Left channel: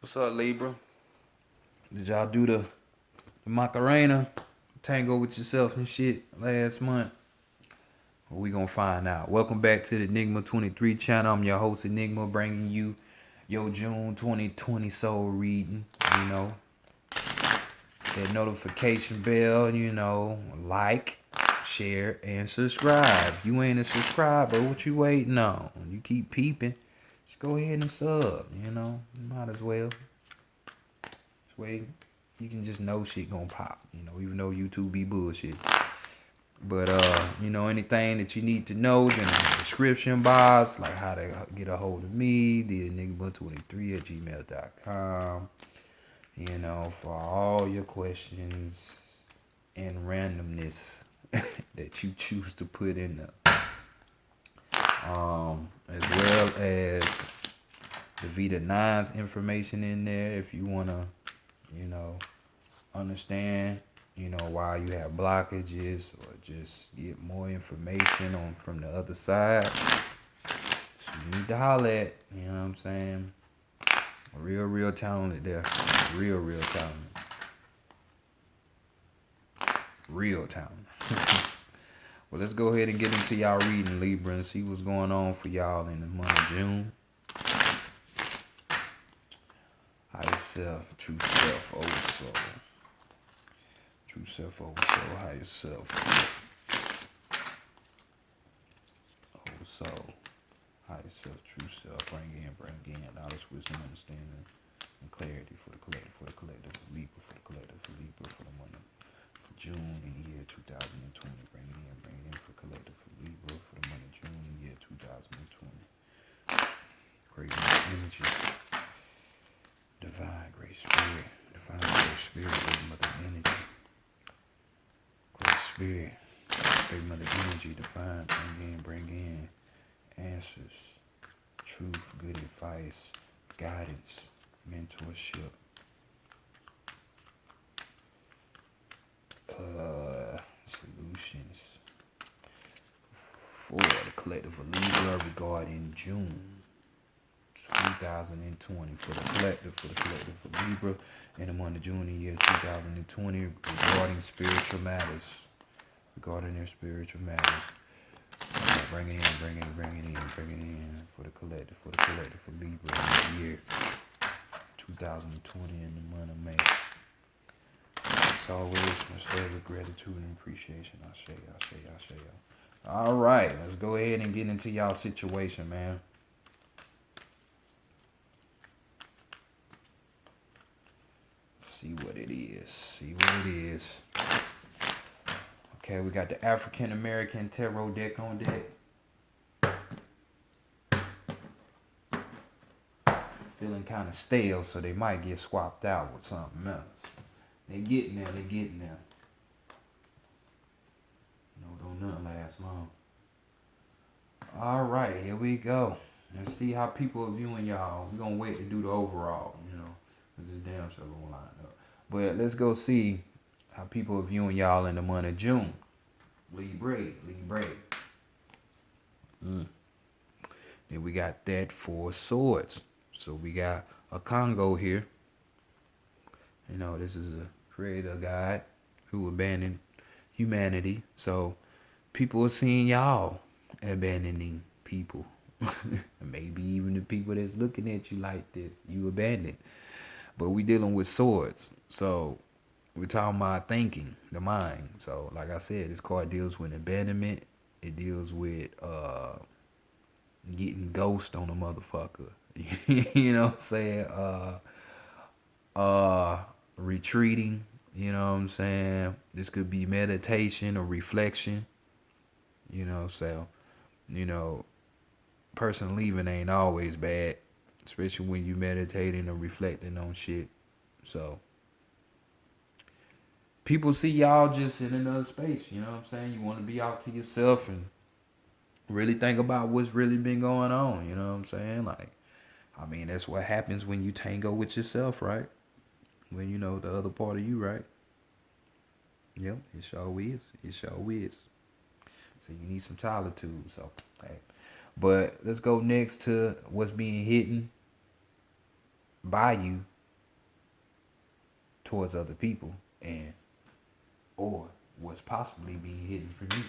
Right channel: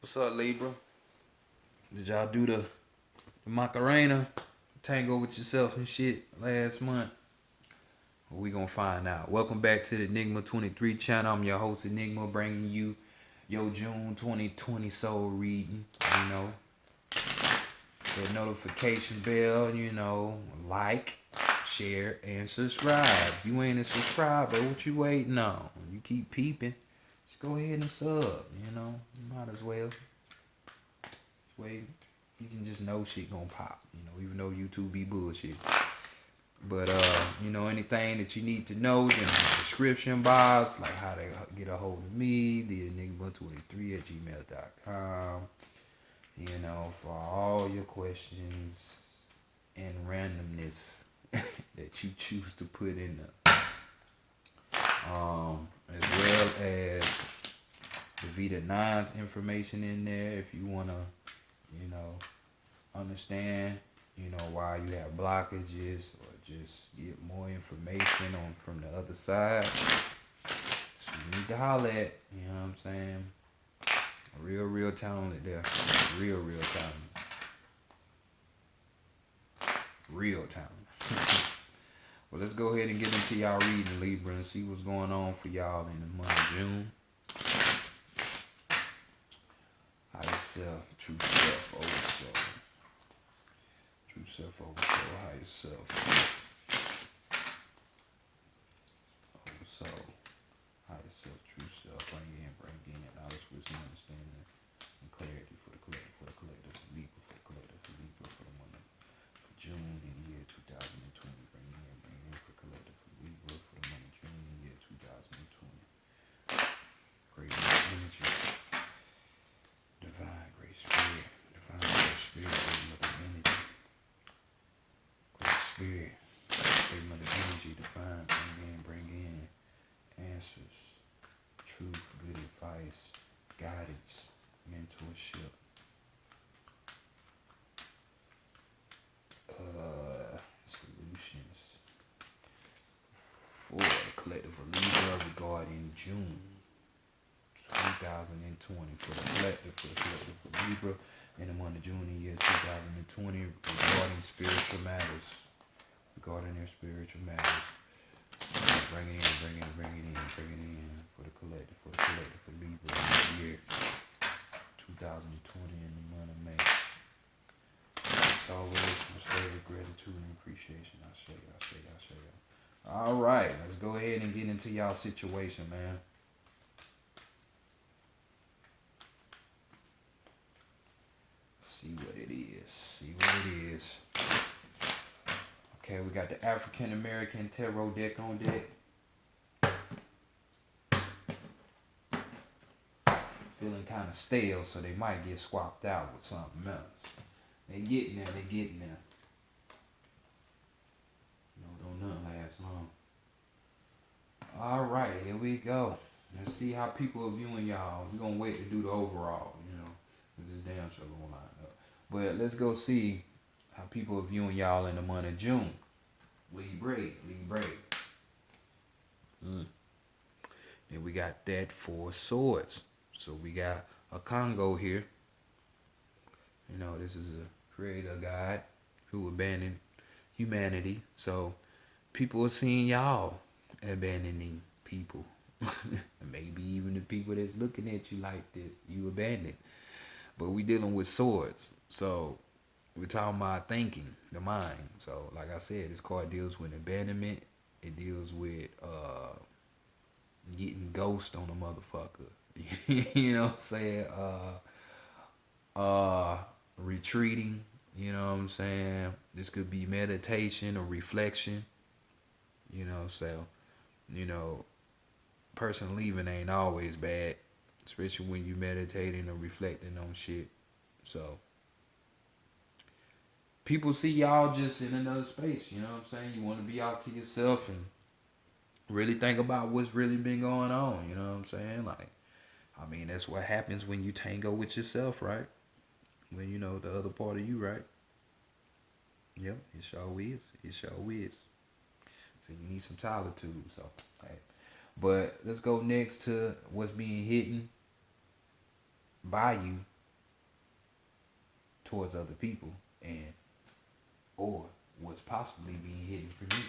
What's up, Libra? Did y'all do the Macarena tango with yourself and shit last month? Well, we gonna find out. Welcome back to the Enigma 23 channel. I'm your host Enigma, bringing you your June 2020 soul reading. You know, that notification bell. Like, share, and subscribe. If you ain't a subscriber, what you waiting on? You keep peeping. Just go ahead and sub. Might as well. Wait, you can just know shit gonna pop, even though YouTube be bullshit. But anything that you need to know in the description box, like how to get a hold of me, the enigma23@gmail.com. For all your questions and randomness that you choose to put in there. As well as the Vita 9's information in there if you wanna, understand, why you have blockages or just get more information on from the other side. So you need to holler at, you know what I'm saying? Real talented there. Real talented. Real talented. Well, let's go ahead and get into y'all reading, Libra, and see what's going on for y'all in the month of June. Higher self, true self, old soul. True self, old soul, higher self. Old soul, higher self, true self. Bring in knowledge, wisdom, understanding, and clarity for the collective, Libra, for the collective, for Libra, for the month of June in the year 2020. Bring it in for collective, for Libra, for the month of June in the year 2020. Great energy. Divine great spirit, great mother energy, great spirit, great mother energy, divine, bring in answers, truth, good advice, guidance, mentorship, solutions for the collective of Libra regarding June 2020 for the collective, for Libra in the month of June in the year 2020 regarding spiritual matters. Regarding their spiritual matters. Bring it in for the collective, for Libra in the year 2020 in the month of May. As always, much love, gratitude, and appreciation. I say. All right, let's go ahead and get into y'all situation, man. See what it is. Okay, we got the African American Tarot deck on deck. Feeling kind of stale, so they might get swapped out with something else. They getting there. Don't nothing last long. All right, here we go. Let's see how people are viewing y'all. We're going to wait to do the overall, because this damn show going to line up. But let's go see how people are viewing y'all in the month of June. Libra. Then we got that 4 swords. So we got a Congo here. This is a creator guide who abandoned humanity. So people are seeing y'all abandoning people. Maybe even the people that's looking at you like this, you abandoned. But we dealing with swords. So we're talking about thinking, the mind. So like I said, this card deals with abandonment. It deals with getting ghost on a motherfucker. You know what I'm saying? Retreating, you know what I'm saying? This could be meditation or reflection. So, person leaving ain't always bad, especially when you meditating or reflecting on shit. So people see y'all just in another space, you know what I'm saying? You want to be out to yourself and really think about what's really been going on, you know what I'm saying? Like, that's what happens when you tango with yourself, right? When you know the other part of you, right? Yep, it sure is. So you need some solitude. So, right. But let's go next to what's being hidden. by you towards other people, and or what's possibly being hidden from you.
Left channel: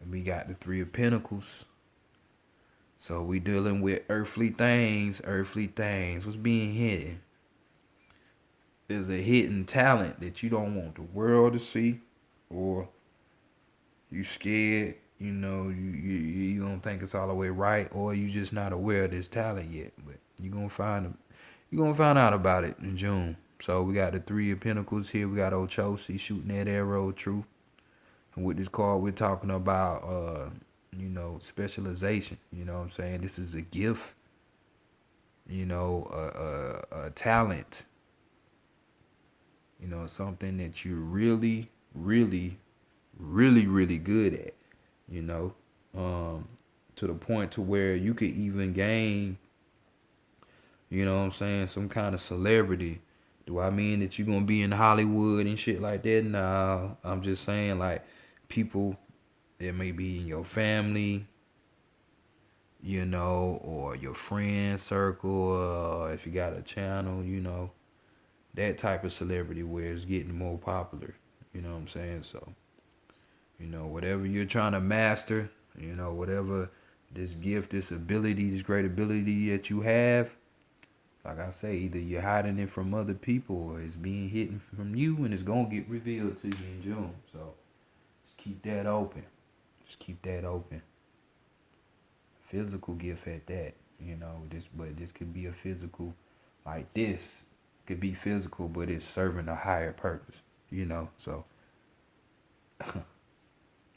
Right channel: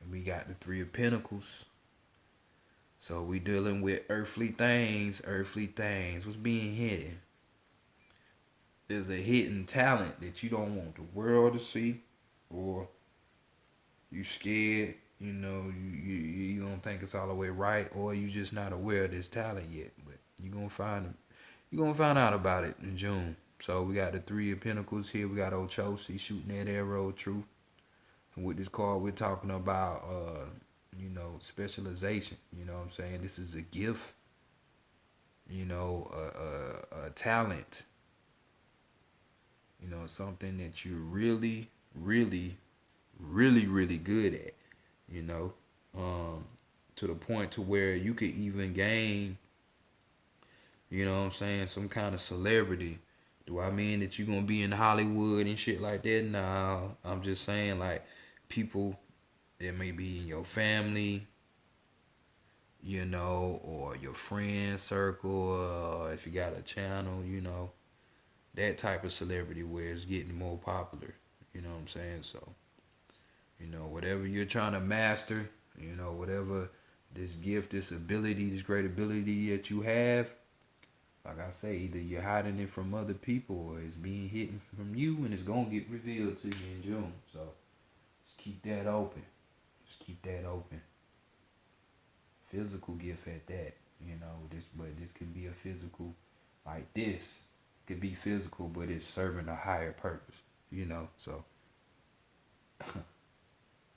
And we got the Three of Pentacles. So we dealing with earthly things, What's being hidden is a hidden talent that you don't want the world to see, or you scared, you don't think it's all the way right, or you just not aware of this talent yet. But you're gonna find out about it in June. So we got the Three of Pentacles here. We got Ochosi shooting that arrow of truth. And with this card, we're talking about specialization. You know what I'm saying? This is a gift, a talent, something that you're really, really, really, really good at, you know, to the point to where you could even gain, some kind of celebrity. Do I mean that you're gonna be in Hollywood and shit like that? No, I'm just saying like people that may be in your family, or your friend circle, or if you got a channel, that type of celebrity where it's getting more popular. You know what I'm saying? So, whatever you're trying to master, whatever this gift, this ability, this great ability that you have, like I say, either you're hiding it from other people or it's being hidden from you and it's going to get revealed to you in June. So, just keep that open. Physical gift at that, but this could be a physical, like this could be physical, but it's serving a higher purpose, so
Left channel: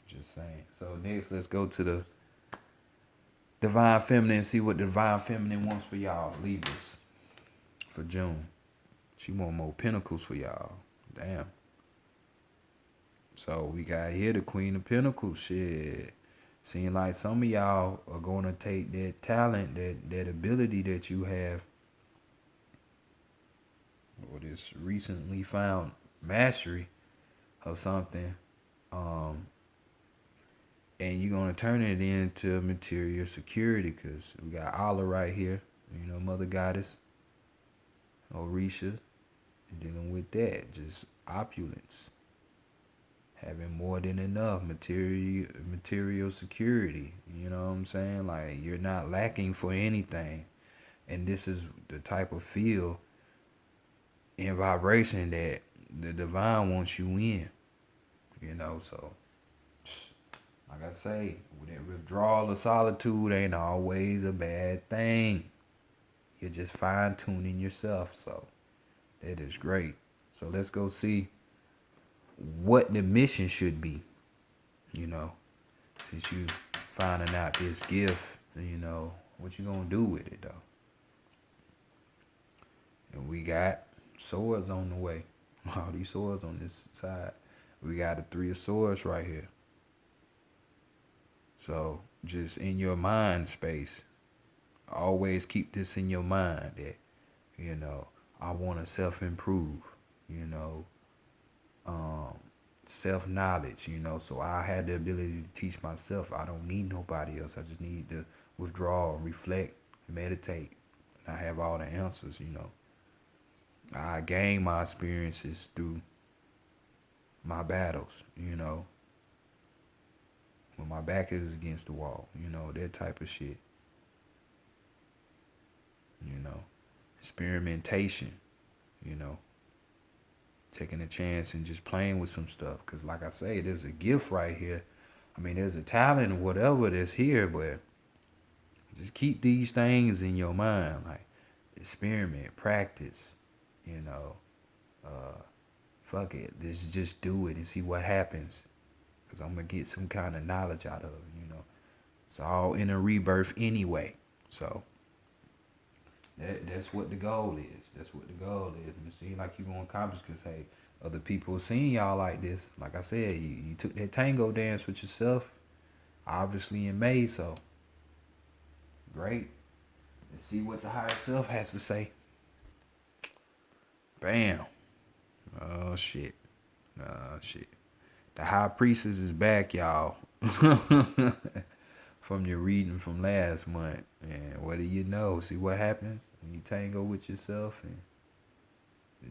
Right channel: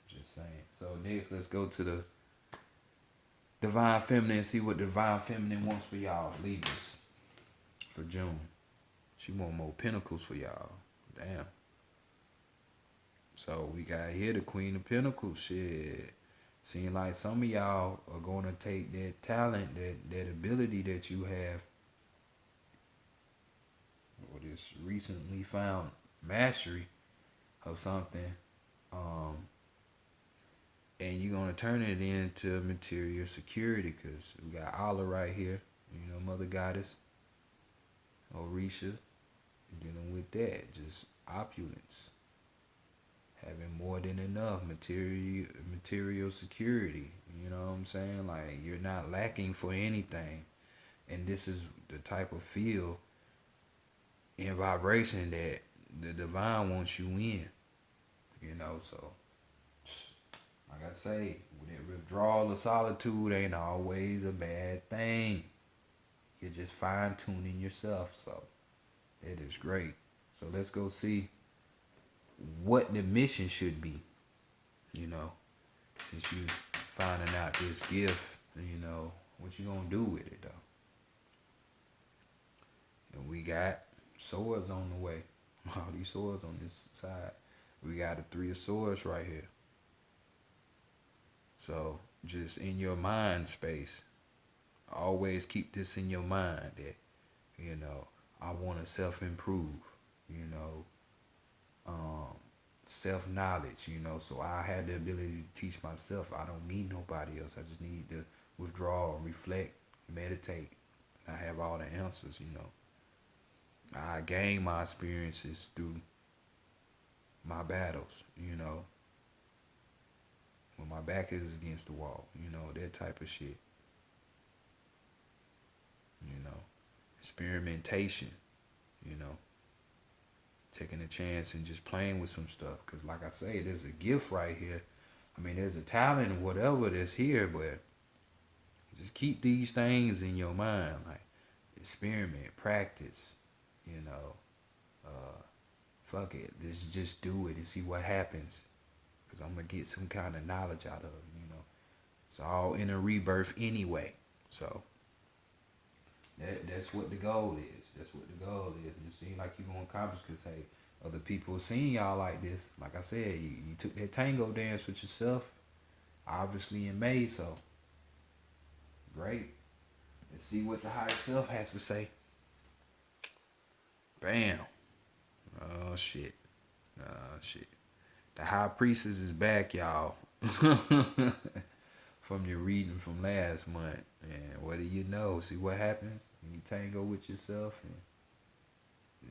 just saying. So next, let's go to the Divine Feminine and see what the Divine Feminine wants for y'all, Libras, for June. She want more pentacles for y'all. Damn. So we got here the Queen of Pentacles. Shit. Seems like some of y'all are going to take that talent, that ability that you have, or this recently found mastery of something, and you're going to turn it into material security, because we got Allah right here, Mother Goddess, Orisha, dealing with that, just opulence, having more than enough material security. You know what I'm saying? Like, you're not lacking for anything. And this is the type of feel and vibration that the divine wants you in. So like I say, that withdrawal of solitude ain't always a bad thing. You're just fine tuning yourself. So that is great. So let's go see what the mission should be, since you finding out this gift, what you gonna do with it though. And we got swords on the way. All these swords on this side. We got the Three of Swords right here. So just in your mind space, always keep this in your mind that, I want to self-improve, self-knowledge, so I have the ability to teach myself. I don't need nobody else. I just need to withdraw, reflect, meditate. And I have all the answers, I gain my experiences through my battles, when my back is against the wall, that type of shit. Experimentation, taking a chance and just playing with some stuff. Because like I say, there's a gift right here. I mean, there's a talent or whatever that's here, but just keep these things in your mind. Like, experiment, practice, fuck it. Just do it and see what happens. Because I'm going to get some kind of knowledge out of it, It's all in a rebirth anyway. So that's what the goal is. And it seems like you're going to accomplish because, hey, other people seeing y'all like this. Like I said, you took that tango dance with yourself, obviously in May, so great. Let's see what the higher self has to say. Bam. Oh, shit. The High Priestess is back, y'all. from your reading from last month. And what do you know? See what happens when you tango with yourself and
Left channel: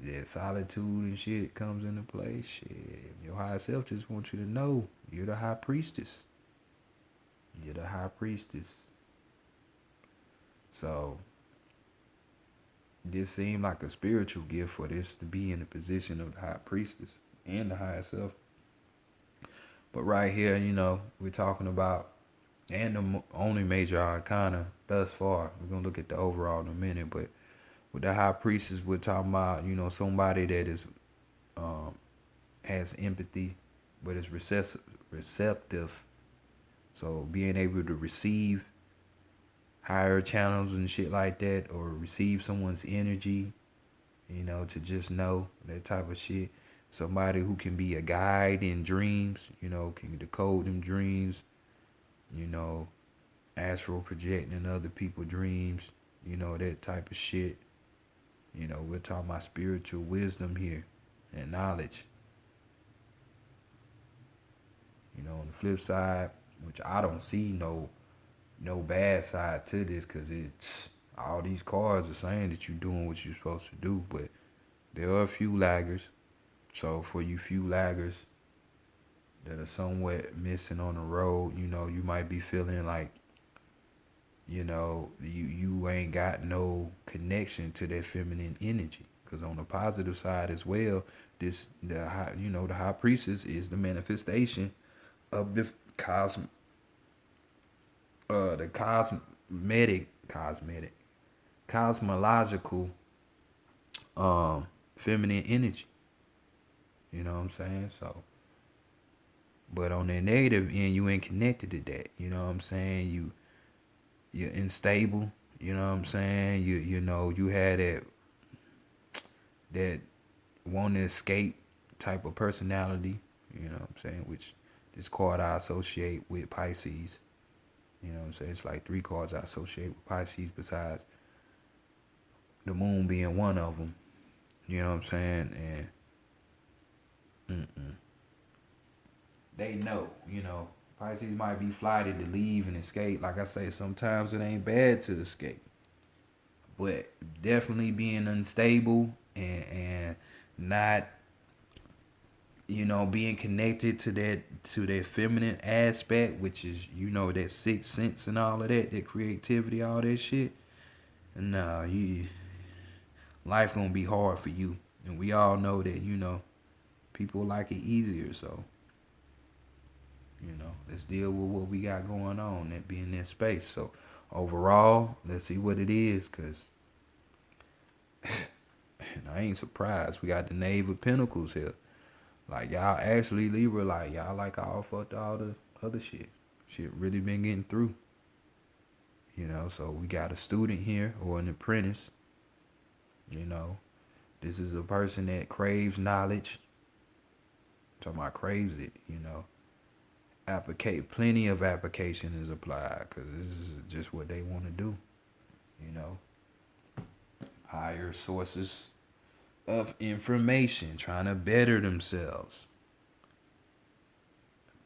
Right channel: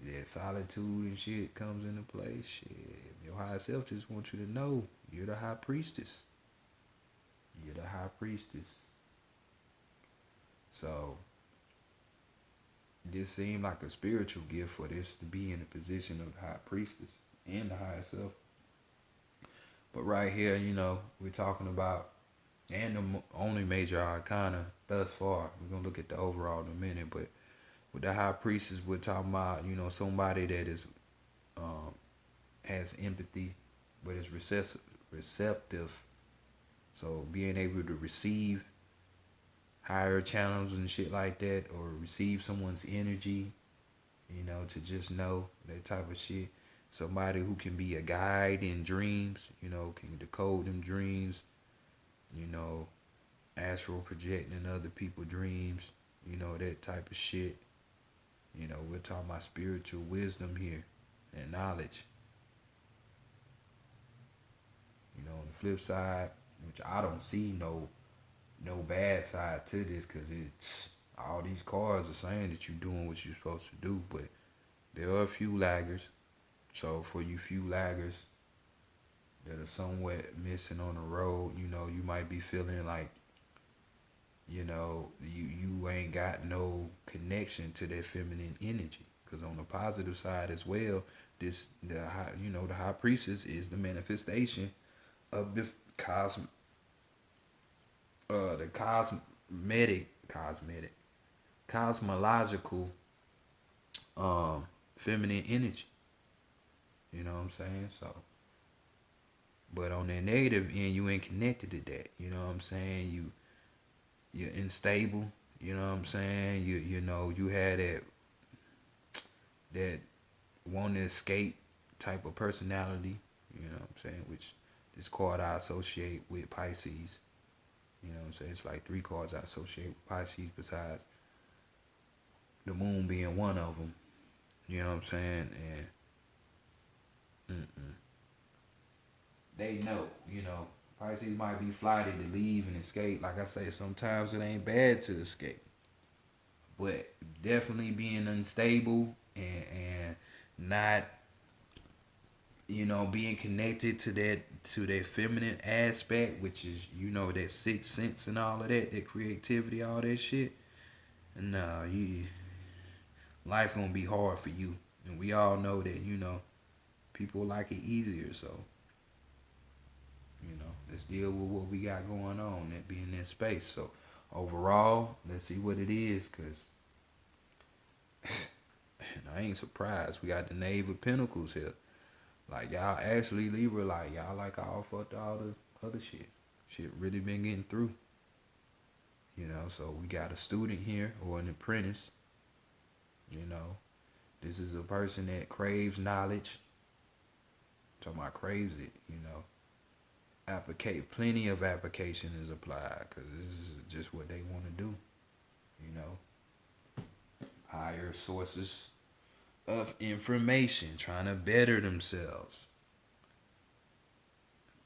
that solitude and shit comes into play. Shit, your higher self just wants you to know you're the high priestess. You're the high priestess. So this seemed like a spiritual gift for this to be in the position of the high priestess and the higher self. But right here, we're talking about, and the only major arcana thus far. We're gonna look at the overall in a minute, but with the high priestess, we're talking about, somebody that is has empathy, but is receptive. So being able to receive higher channels and shit like that, or receive someone's energy, to just know that type of shit. Somebody who can be a guide in dreams, can decode them dreams, astral projecting other people's dreams, that type of shit. We're talking about spiritual wisdom here and knowledge. On the flip side, which I don't see no bad side to this, because it's all these cards are saying that you're doing what you're supposed to do, but there are a few laggers. So for you few laggers that are somewhat missing on the road, you might be feeling like, you ain't got no connection to that feminine energy. Because on the positive side as well, the high priestess is the manifestation of the cosmological feminine energy. You know what I'm saying? So, but on the negative end, you ain't connected to that. You know what I'm saying? You're unstable. You know what I'm saying? You had that want to escape type of personality. You know what I'm saying? Which this card I associate with Pisces. You know what I'm saying? It's like 3 cards I associate with Pisces besides the moon being one of them. You know what I'm saying? And they know, Pisces might be flighted to leave and escape. Like I say, sometimes it ain't bad to escape. But definitely being unstable and not, being connected to that feminine aspect, which is, that sixth sense and all of that creativity, all that shit. No, life gonna be hard for you. And we all know that, people like it easier, so let's deal with what we got going on and be in that space. So overall, let's see what it is, because I ain't surprised. We got the Knave of Pentacles here. Like, y'all actually, Libra, like, y'all like all fucked all the other shit. Shit really been getting through. So we got a student here, or an apprentice. This is a person that craves knowledge. I'm talking about craves it, plenty of application is applied, because this is just what they want to do. Higher sources of information, trying to better themselves.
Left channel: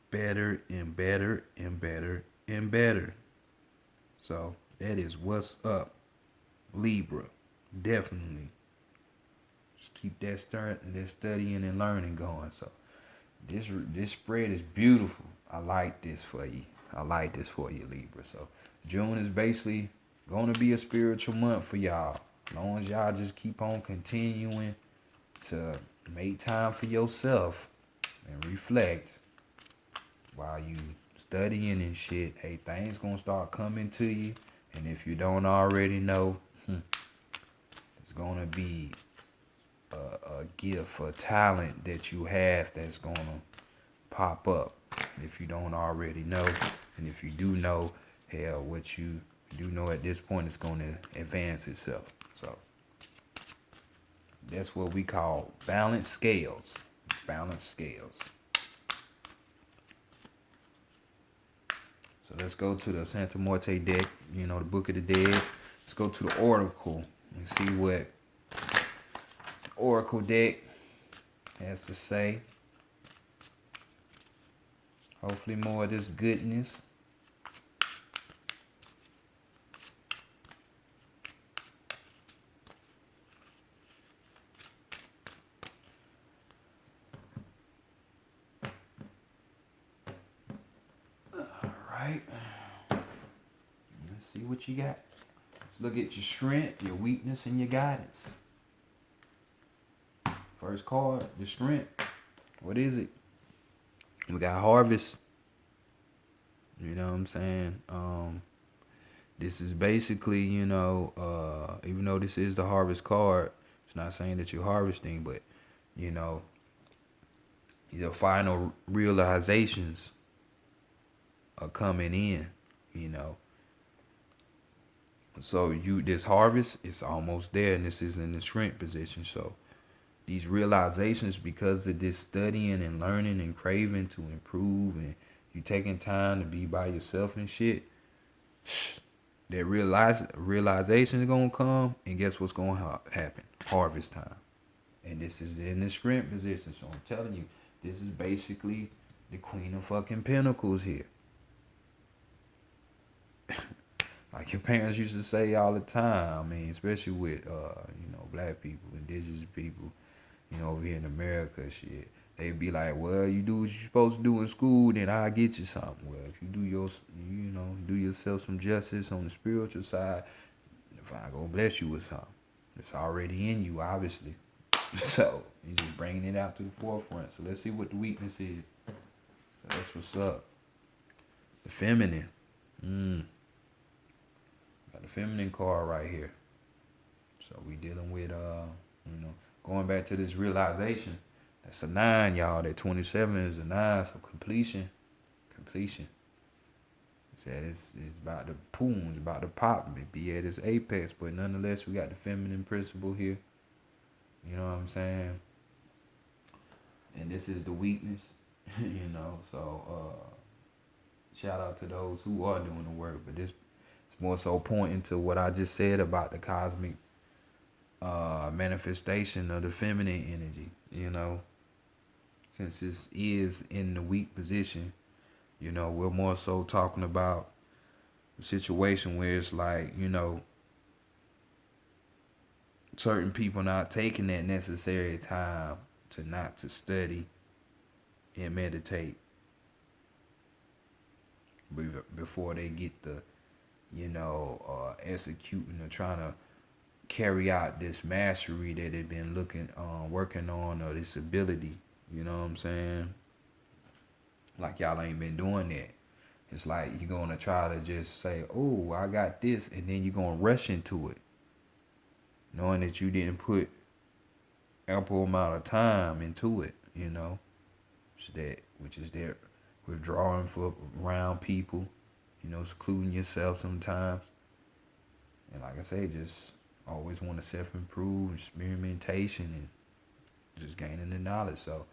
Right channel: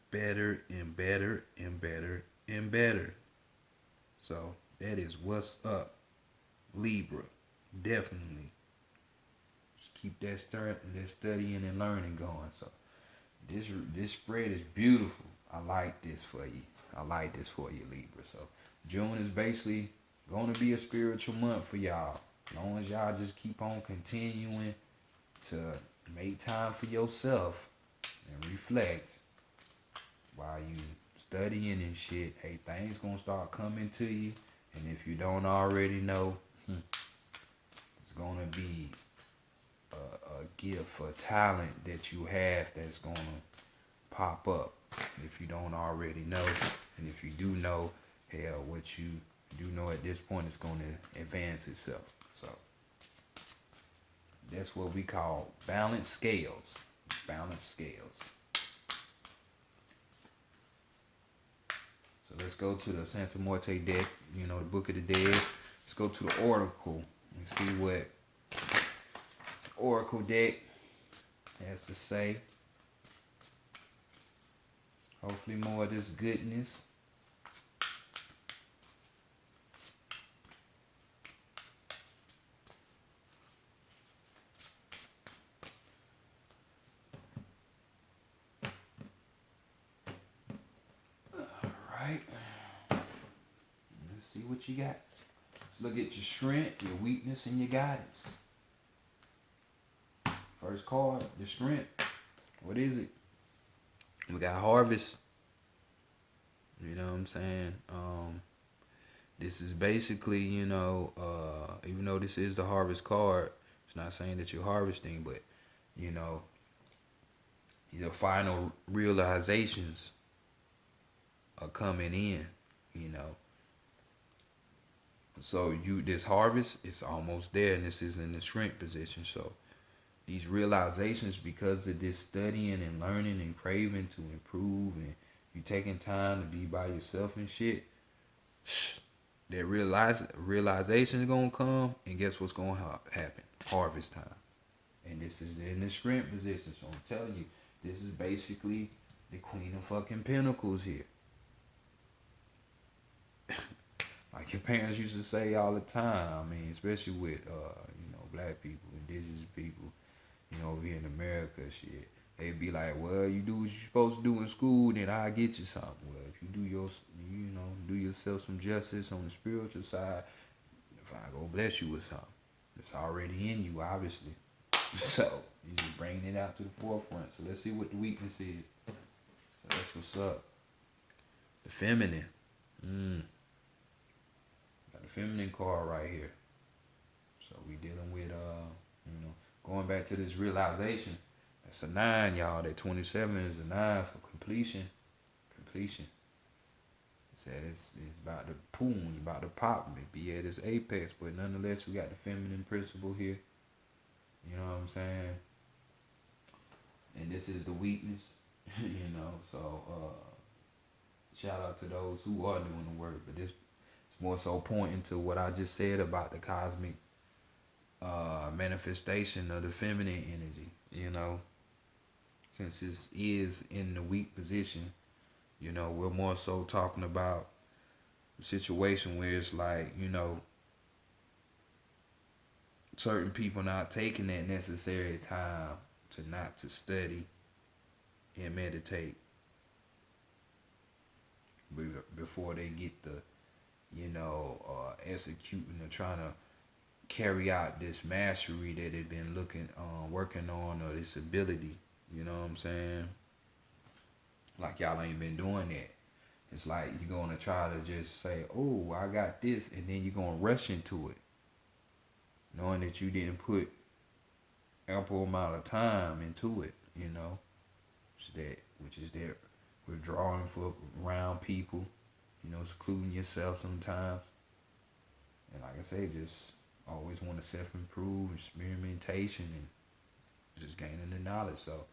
Better and better and better and better. So that is what's up, Libra. Definitely. Just keep that studying and learning going. So this spread is beautiful. I like this for you, Libra. So June is basically going to be a spiritual month for y'all. As long as y'all just keep on continuing to make time for yourself and reflect while you studying and shit, hey, things gonna start coming to you. And if you don't already know, it's gonna be a gift, a talent that you have that's gonna pop up. If you don't already know, and if you do know, hell, what you do know at this point is gonna advance itself. So that's what we call balanced scales. Balanced scales. So let's go to the Santa Muerte deck, the Book of the Dead. Let's go to the Oracle and see what the Oracle deck has to say. Hopefully more of this goodness. Alright. Let's see what you got. Let's look at your strength, your weakness, and your guidance. First card, the strength. What is it? We got harvest. You know what I'm saying? This is basically, even though this is the harvest card, it's not saying that you're harvesting, but, your final realizations are coming in. So this harvest is almost there, and this is in the strength position. So these realizations, because of this studying and learning and craving to improve, and you taking time to be by yourself and shit, that realization is gonna come, and guess what's gonna happen? Harvest time, and this is in the strength position. So I'm telling you, this is basically the Queen of fucking Pentacles here. Like your parents used to say all the time. I mean, especially with black people, indigenous people, over here in America, shit. They'd be like, well, you do what you're supposed to do in school, then I'll get you something. Well, if you do yourself some justice on the spiritual side, if I go bless you with something, it's already in you, obviously. So he's just bringing it out to the forefront. So let's see what the weakness is. So that's what's up. The feminine. Got the feminine card right here. So we dealing with going back to this realization. That's a 9, y'all. That 27 is a 9, so completion. It's about to boom, it's about to pop, be at its apex, but nonetheless, we got the feminine principle here. You know what I'm saying? And this is the weakness, so shout out to those who are doing the work, but this is more so pointing to what I just said about the cosmic manifestation of the feminine energy, since this is in the weak position, we're more so talking about the situation where it's like, certain people not taking that necessary time to study and meditate before they get the, executing or trying to carry out this mastery that they've been working on, or this ability. You know what I'm saying? Like y'all ain't been doing that. It's like you're gonna try to just say, "Oh, I got this," and then you're gonna rush into it, knowing that you didn't put ample amount of time into it. Which is that withdrawing around people, secluding yourself sometimes, and like I say, just always want to self-improve, experimentation, and just gaining the knowledge. So,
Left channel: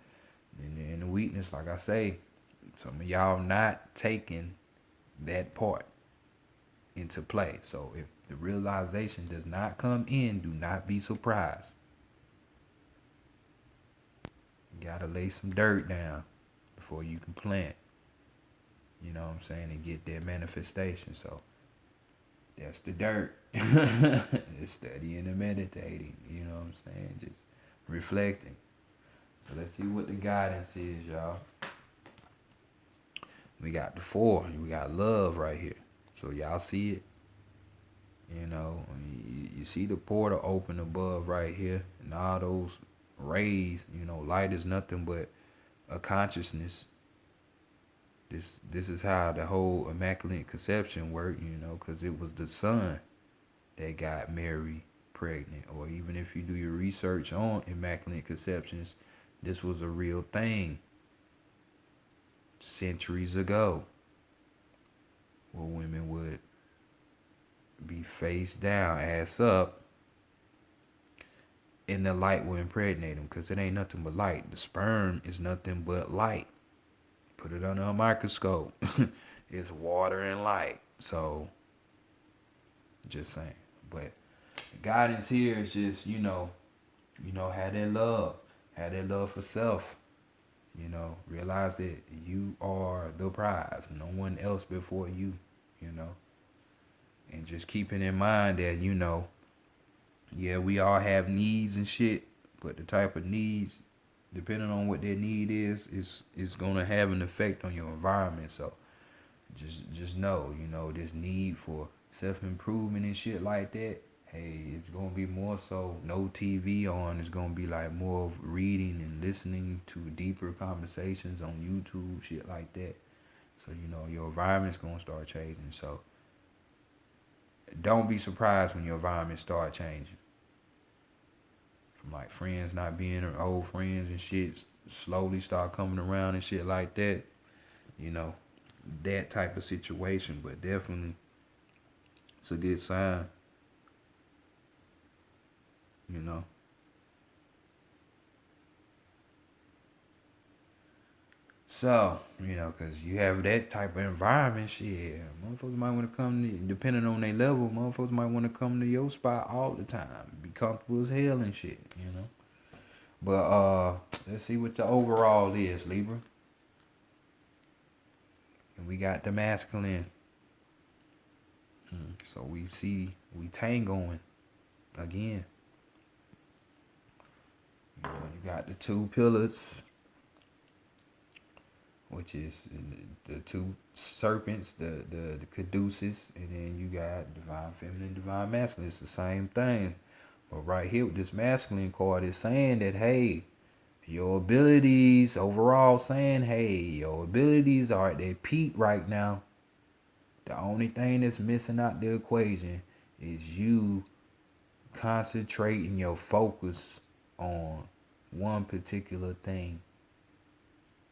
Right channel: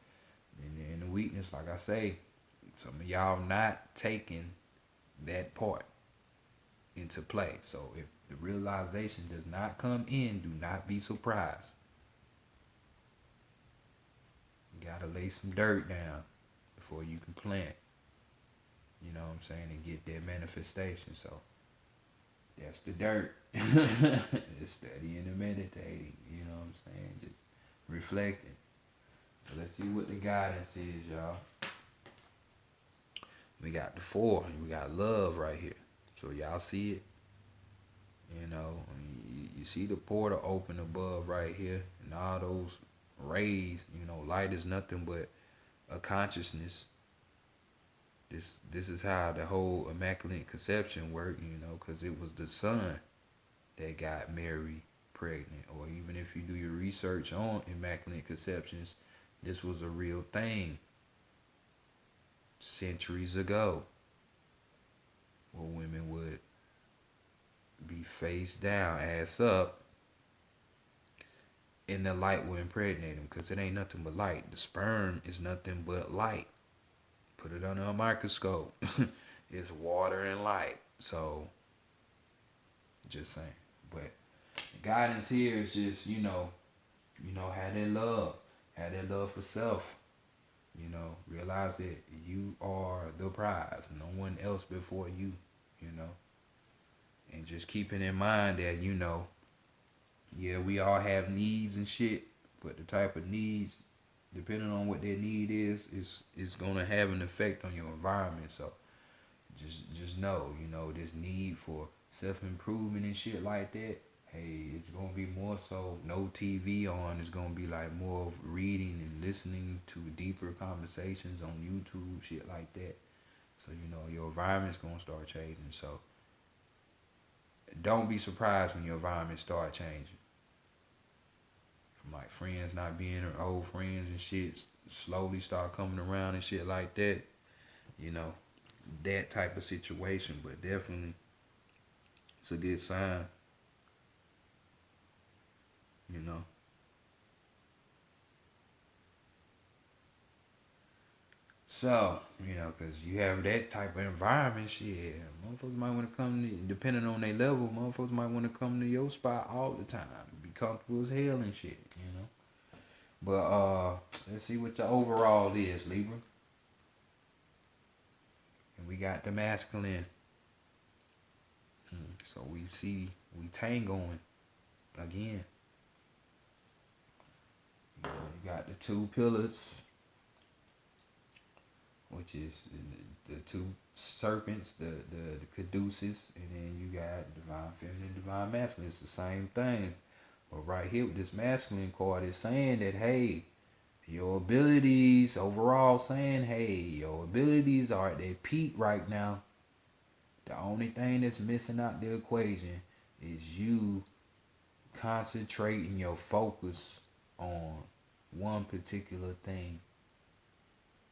and the weakness, like I say, some of y'all not taking that part into play. So if the realization does not come in, do not be surprised. You gotta lay some dirt down before you can plant. You know what I'm saying? And get that manifestation. So that's the dirt. It's studying and meditating. You know what I'm saying? Just reflecting. So let's see what the guidance is, y'all. We got the 4, and we got love right here. So y'all see it? You see the portal open above right here, and all those rays. Light is nothing but a consciousness. This is how the whole Immaculate Conception worked, because it was the sun that got Mary pregnant. Or even if you do your research on Immaculate Conceptions, this was a real thing centuries ago, where women would be face down, ass up, and the light will impregnate them, because it ain't nothing but light. The sperm is nothing but light. Put it under a microscope. It's water and light. So, just saying. But the guidance here is just, have that love. Have that love for self. Realize that you are the prize. No one else before you, And just keeping in mind that, yeah, we all have needs and shit, but the type of needs, depending on what their need is going to have an effect on your environment. So just know, this need for self-improvement and shit like that. Hey, it's gonna be more so no TV on. It's gonna be like more of reading and listening to deeper conversations on YouTube, shit like that. So your environment's gonna start changing. So don't be surprised when your environment start changing. From like friends not being old friends and shit, slowly start coming around and shit like that. You know, that type of situation. But definitely, it's a good sign. You know. So, because you have that type of environment, shit, motherfuckers might want to come, depending on their level, motherfuckers might want to come to your spot all the time. Be comfortable as hell and shit. But, let's see what the overall is, Libra. And we got the masculine. So we tangoing again. You got the two pillars, which is the two serpents, the caduceus, and then you got divine feminine, divine masculine. It's the same thing. But right here with this masculine card is saying that, hey, your abilities overall saying, hey, your abilities are at their peak right now. The only thing that's missing out the equation is you concentrating your focus on one particular thing.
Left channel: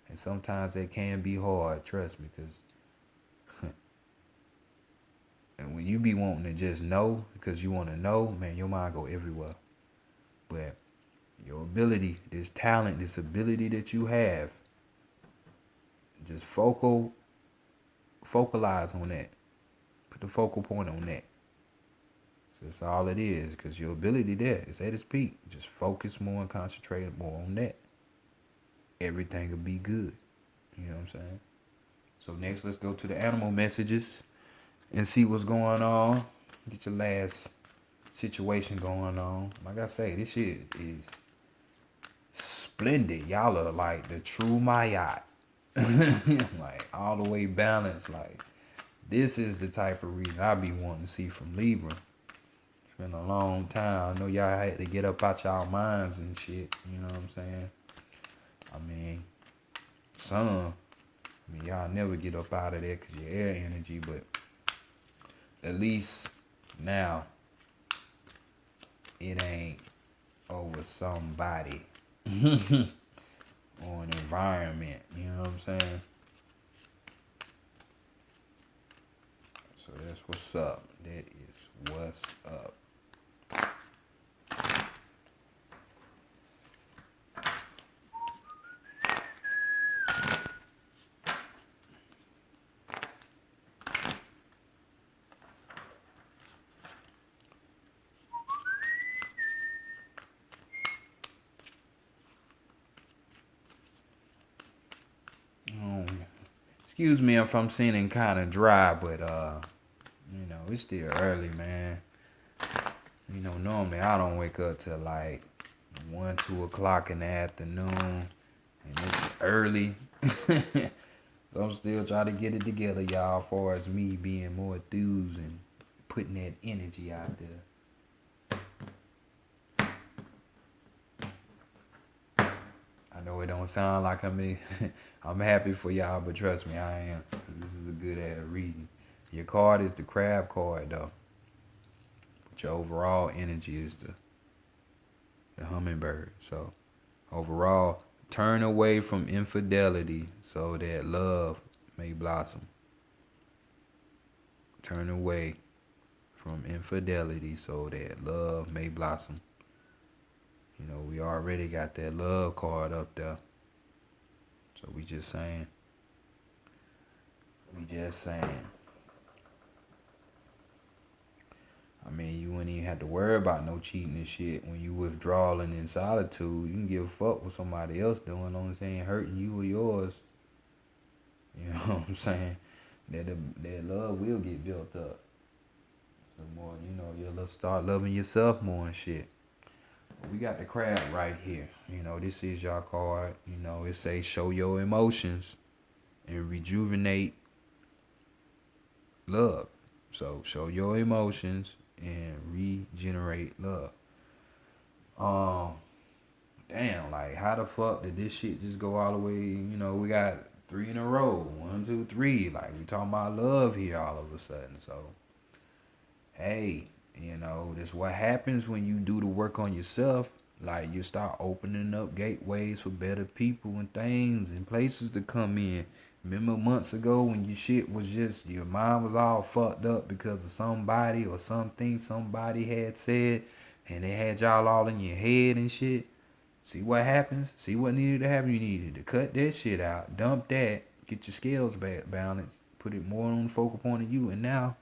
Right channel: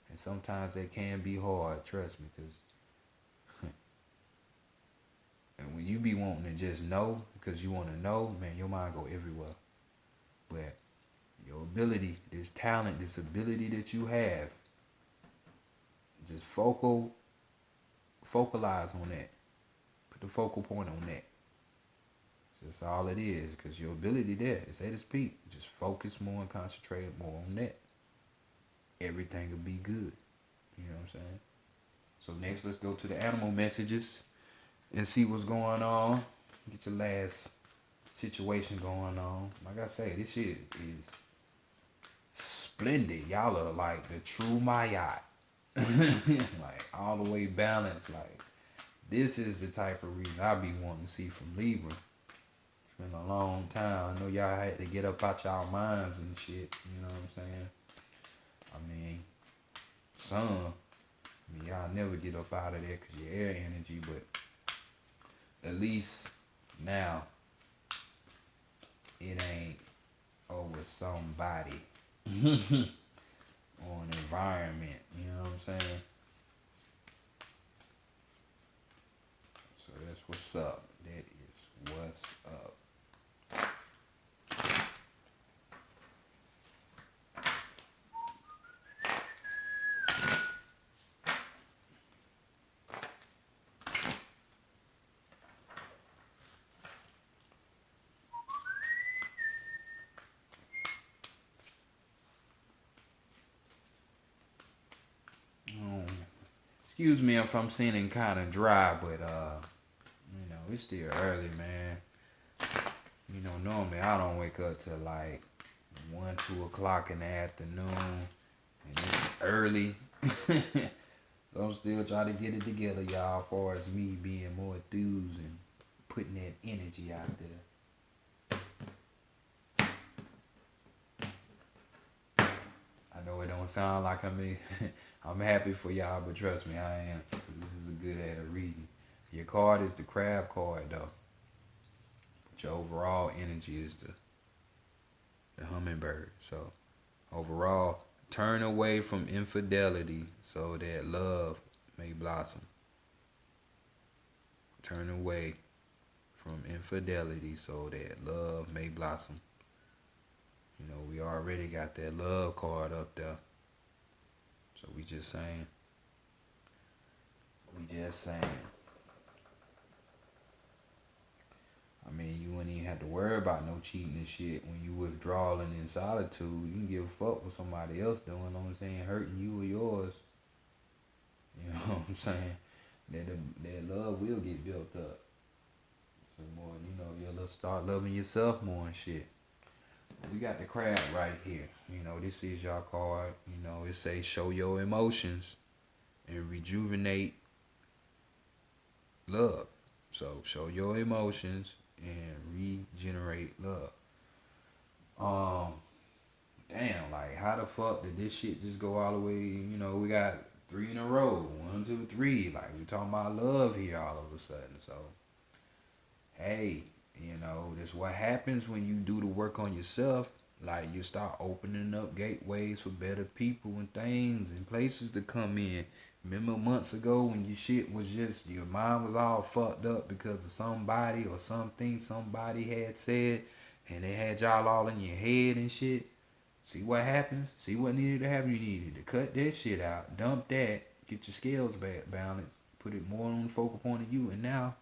And sometimes that can be hard, trust me, because and when you be wanting to just know because you want to know, man, your mind go everywhere. But your ability, this talent, this ability that you have, just focalize on that. Put the focal point on that. So that's all it is, because your ability there is at its peak. Just focus more and concentrate more on that. Everything will be good. You know what I'm saying? So next, let's go to the animal messages and see what's going on. Get your last situation going on. Like I say, this shit is splendid. Y'all are like the true Mayat. Like all the way balanced. Like this is the type of reason I be wanting to see from Libra. It's been a long time. I know y'all had to get up out y'all minds and shit. You know what I'm saying? I mean, some. Y'all never get up out of there because your air energy, but at least now it ain't over somebody or an environment. You know what I'm saying? So that's what's up. That is what's up. Excuse me if I'm seeming kind of dry, but it's still early, man. Normally I don't wake up till like 1, 2 o'clock in the afternoon, and it's early. So I'm still trying to get it together, y'all, as far as me being more enthused and putting that energy out there. I know it don't sound like I'm happy for y'all, but trust me, I am. This is a good ass reading. Your card is the crab card, though. But your overall energy is the hummingbird. So, overall, turn away from infidelity so that love may blossom. Turn away from infidelity so that love may blossom. We already got that love card up there. So we just saying. I mean, you wouldn't even have to worry about no cheating and shit. When you withdrawing in solitude, you can give a fuck what somebody else doing, as long as they ain't hurting you or yours. You know what I'm saying? That love will get built up. The more, you'll start loving yourself more and shit. We got the crab right here. This is your card. It says show your emotions and rejuvenate love. So show your emotions and regenerate love. Um, damn, like how the fuck did this shit just go all the way? You know, we got three in a row. 1, 2, 3. Like we talking about love here all of a sudden. So hey, you know, this what happens when you do the work on yourself. Like you start opening up gateways for better people and things and places to come in. Remember months ago when your shit was just your mind was all fucked up because of somebody or something somebody had said and it had y'all all in your head and shit. See what happens? See what needed to happen? You needed to cut that shit out, dump that, get your scales back balanced, put it more on the focal point of you, and now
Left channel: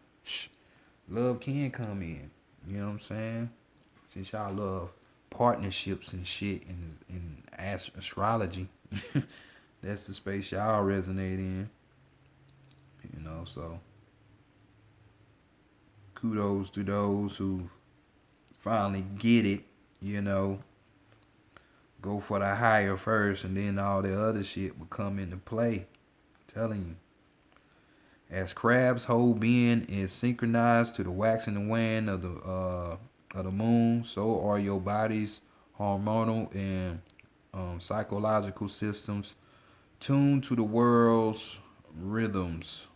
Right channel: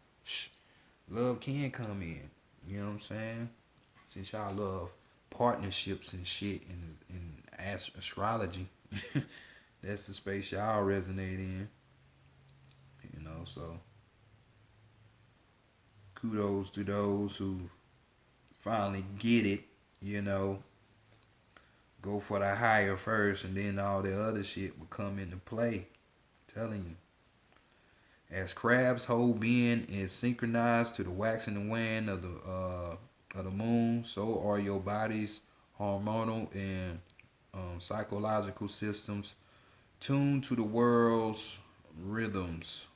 love can come in. You know what I'm saying? Since y'all love partnerships and shit in astrology, that's the space y'all resonate in. You know, so kudos to those who finally get it. You know, go for the higher first, and then all the other shit will come into play. I'm telling you. As crab's whole being is synchronized to the waxing and waning of the moon, so are your body's hormonal and psychological systems tuned to the world's rhythms.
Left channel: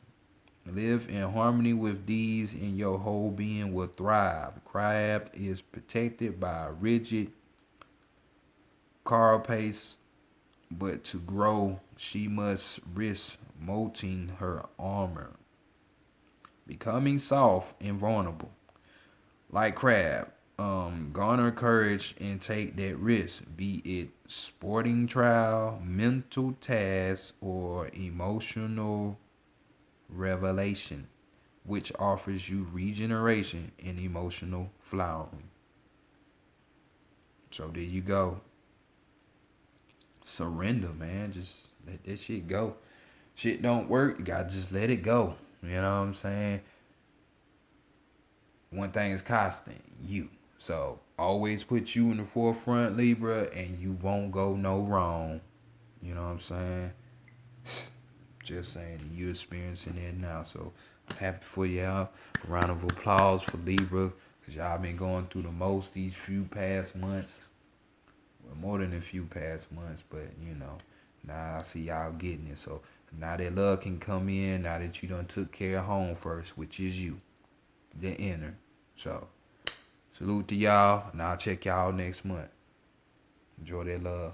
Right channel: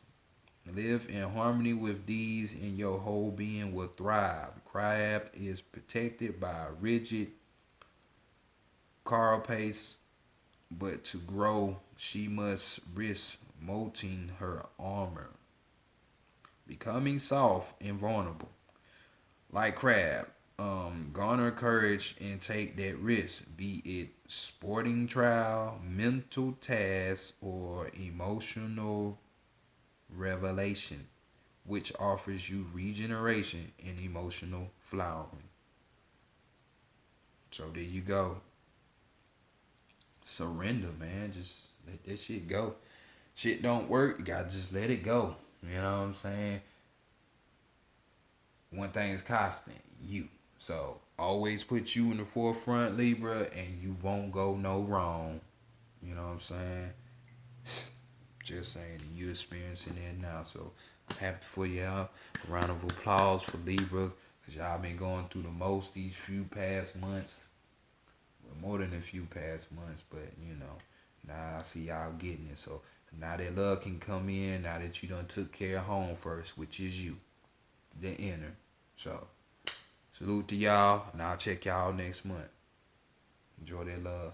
Live in harmony with these, and your whole being will thrive. Crab is protected by a rigid carapace, but to grow, she must risk molting her armor, becoming soft and vulnerable. Like crab, garner courage and take that risk, be it sporting trial, mental task, or emotional revelation, which offers you regeneration and emotional flowering. So there you go. Surrender, man. Just let that shit go. Shit don't work, you gotta just let it go. You know what I'm saying? One thing is constant, you. So always put you in the forefront, Libra, and you won't go no wrong. You know what I'm saying? Just saying, you experiencing it now. So I'm happy for y'all. A round of applause for Libra, because y'all been going through the most these few past months. Well, more than a few past months, but you know, now I see y'all getting it. So now that love can come in, now that you done took care of home first, which is you, the inner. So salute to y'all, and I'll check y'all next month. Enjoy that love.